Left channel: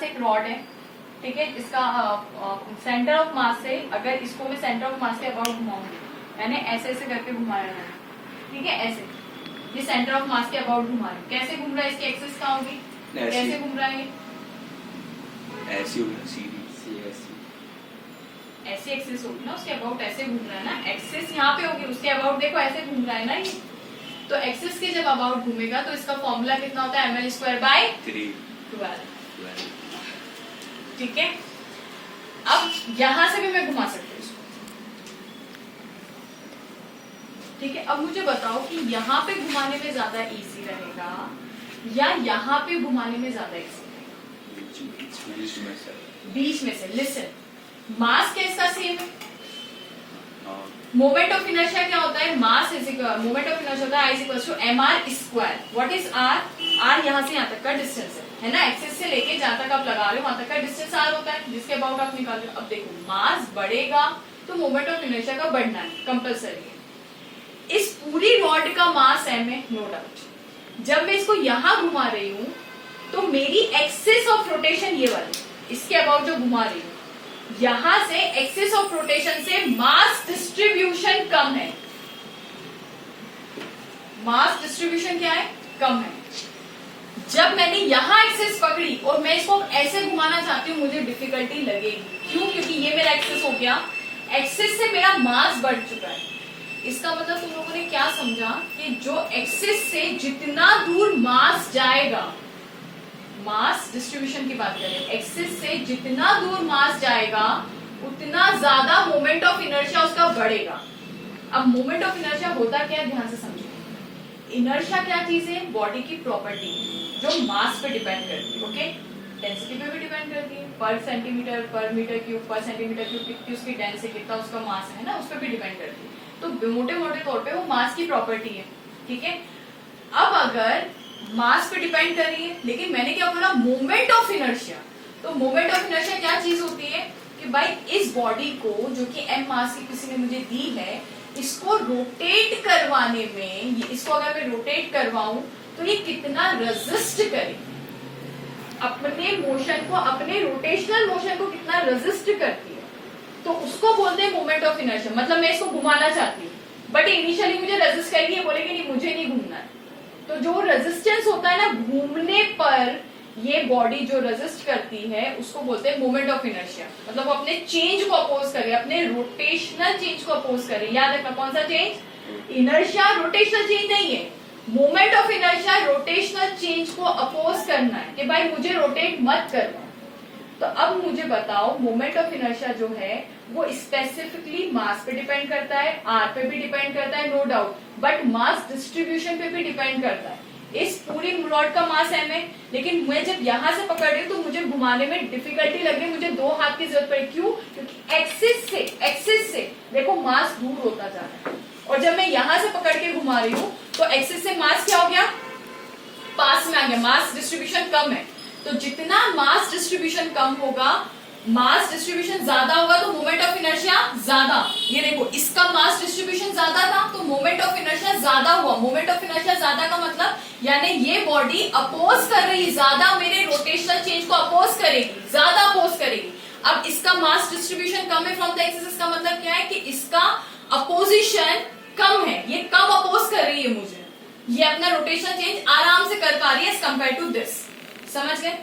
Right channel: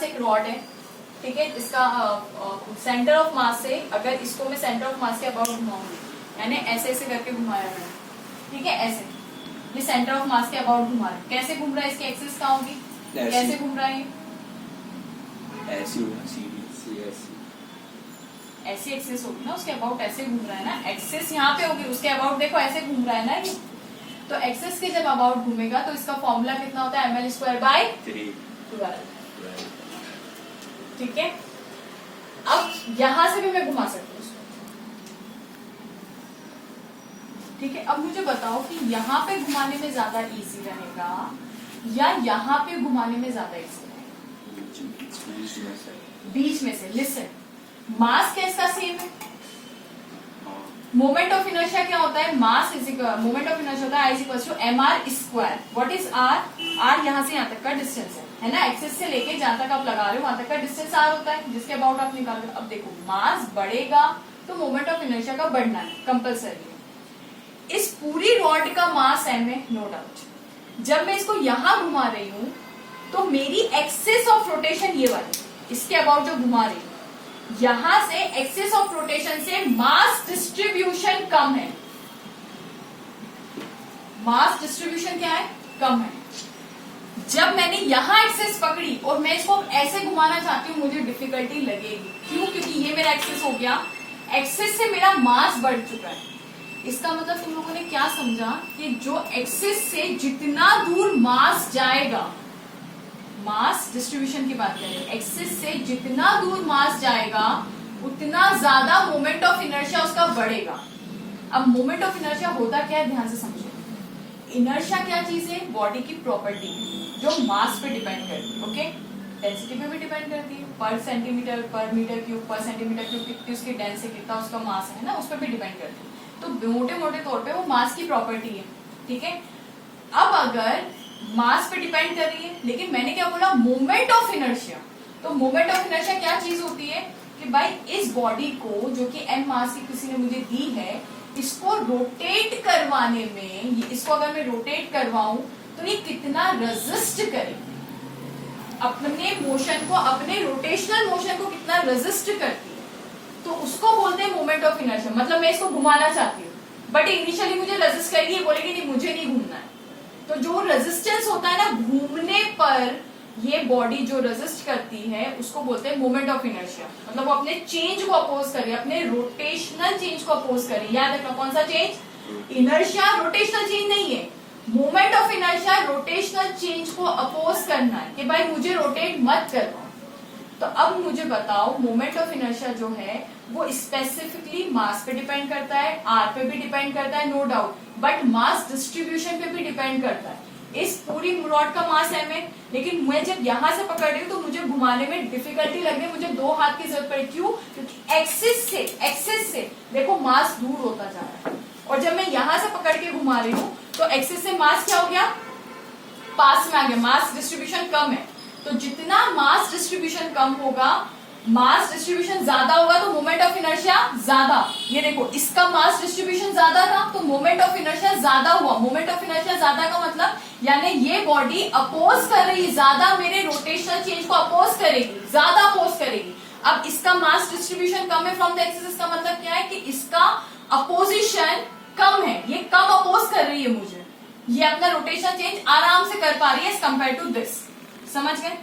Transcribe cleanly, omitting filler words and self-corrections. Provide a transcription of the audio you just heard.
पास एक रॉड है, ठीक है, इसका सेंटर ऑफ मास से, अगर इसको मैं सेंटर ऑफ मास के अबाउट घुमाऊंगी, यानी ऐसे ऐसे करके घुमाया है, ठीक है, ऐसे ये सेंटर ऑफ मास के अबाउट घुमा रहा है। कैसे घूम रहा है, इसकी एक्सिस कहाँ होगी, कैसे घूम रहा है, ऐसी होगी ना, सीधी ऐसी एक्सिस होगी ना, उसके अबाउट ऐसे घूम रहा है ना, एक्सिस यहाँ पे होगी, उसके अबाउट देखो ऐसे घूम रहा है ना ये, तो एक्सिस के जब अबाउट घूमेगा तो इसका फॉर्मूला कितना होता है, ml²/12, ठीक है। अब यहां से भी मैं घुमा सकती हूँ इसको, ठीक है। अब मुझे बताओ कि यहाँ पे घुमाने में ज्यादा इजी रहेगा या यहाँ पे घुमाने में ज्यादा इजी रहेगा, बीच में से। लिसन, मास क्या इसका सेम है, मोमेंट ऑफ इनर्शिया क्या होता है, mass is equal, moment of inertia होता है I equal to mr²। What is r, r यहाँ से यहाँ तक का डिस्टेंस है ना, एक्सिस से लेके जहां तक आप लगा रहे हो वहां तक का डिस्टेंस r होता है, जिसके अबाउट आप निकाल रहे हो। अब देखो मास बढ़ेगा तो मोमेंट ऑफ इनर्शिया का बढ़ना है, कंपल्सरी है। इस पूरी रॉड का मास m है, नो डाउट। जब मैं इसको यहां घुमा रही हूं तो मेरी एक्सिस ऑफ रोटेशन ये वाली, इसके अबाउट जो घुमा रही हूं, यहां से एक्सिस ऑफ रोटेशन से मास डिस्ट्रीब्यूशन कम है, मास डिस्ट्रीब्यूशन क्या है, कम है। जब मैंने यहां एक्सिस पकड़ी और मैं इसको ऐसे घुमाना चाहती हूँ, मुझे डिफिकल्टी लगेगी, क्यों, क्योंकि ये मेरा एक्सिस हो गया, एक्सिस से मेरा मास बढ़ चुका है। इसका मतलब तुम लोगों ने क्या समझा कि जो एक्सिस से जितना दूर मास जाएगा, मास डिस्ट्रीब्यूशन की बात करें, एक्सिस से जितना दूर मास जाएगा उतना ज्यादा मोमेंट ऑफ इनर्शिया उसका बढ़ेगा। अब मोमेंट ऑफ इनर्शिया होता क्या है, ध्यान से समझो। इनर्शिया क्या चीज है, बॉडी की प्रॉपर्टी जो मास पे डिपेंड करती है, ओके, डेंसिटी पे भी डिपेंड करती है, पर सेंटीमीटर पर मीटर क्यूब पर सेंटीमीटर क्यूब कितनी उसकी डेंसिटी, कितना उसका मास है ना, उस पर भी डिपेंड करती है। तो मोटे मोटे तौर पे वो मास की प्रॉपर्टी है, ठीक है। अब अगर मास पे डिपेंड कर रही है, लेकिन मैंने क्या बोला, मोमेंट ऑफ इनर्शिया, तो मोमेंट ऑफ इनर्शिया क्या चीज होती है कि भाई इस बॉडी को, जो कि m मास की किसी ने मुझे दी है, इसको रोटेट करवाने में, इसको अगर मैं रोटेट करवाऊं तो ये कितना रेजिस्ट करे, अपने मोशन को, अपने रोटेशनल मोशन को कितना रेजिस्ट करती है, तो उसको बोलते हैं मोमेंट ऑफ इनर्शिया। मतलब मैं इसको घुमाना चाहती हूँ बट इनिशियली मुझे रेजिस्ट करेगी, ये बोलेगी नहीं मुझे नहीं घूमना है, तो जो रेजिस्टेंस होता है ना घूमने पर, ये बॉडी जो रेजिस्ट करती है उसको बोलते हैं मोमेंट ऑफ इनर्शिया। मतलब वो अपने चेंज को अपोज करे, अपने रोटेशनल चेंज को अपोज करे। याद रखना कौन सा चेंज, इनर्शिया रोटेशनल चेंज नहीं है, moment of inertia rotational change को अपोज करना है कि भाई मुझे रोटेट मत करवाओ। तो अब मुझे बताओ, मोमेंट ऑफ इनर्शिया जो है वो स्पेसिफिकली मास पे डिपेंड करता है, आर पे भी डिपेंड करता है, no doubt, but mass distribution पे भी डिपेंड करता है। इस पूरी रॉड का मास m है, लेकिन मैं जब यहां से पकड़ रही हूँ तो मुझे घुमाने में डिफिकल्टी लग रही है, मुझे दो हाथ की जरूरत पड़ी। क्यों, क्योंकि एक्सिस से देखो मास दूर होता जा रहा है, और जब मैं यहां से पकड़ के घुमा रही हूँ तो एक्सिस से मास क्या हो गया, पास में आ गया, मास डिस्ट्रीब्यूशन कम है। तो जितना मास डिस्ट्रीब्यूशन कम होगा, मास डिस्ट्रीब्यूशन ज्यादा होगा तो मोमेंट ऑफ इनर्शिया ज्यादा। ये देखो इसका मास डिस्ट्रीब्यूशन ज्यादा था तो मोमेंट ऑफ इनर्शिया ज्यादा हुआ। मोमेंट ऑफ इनर्शिया ज्यादा का मतलब यानी ये बॉडी अपोज कर रही है, ज्यादा मेरे रोटेशनल चेंज को अपोज करेगी, ज्यादा अपोज करेगी। अब इसका मास डिस्ट्रीब्यूशन कम है फ्रॉम द एक्सिस, इसका मतलब क्या है कि इसका अपोजिशन कम है, ये कम अपोज कर रही है मुझे, ये अपना रोटेशनल चेंज आराम से कर पा रही है एज कंपेयर टू दिस। समझ गए।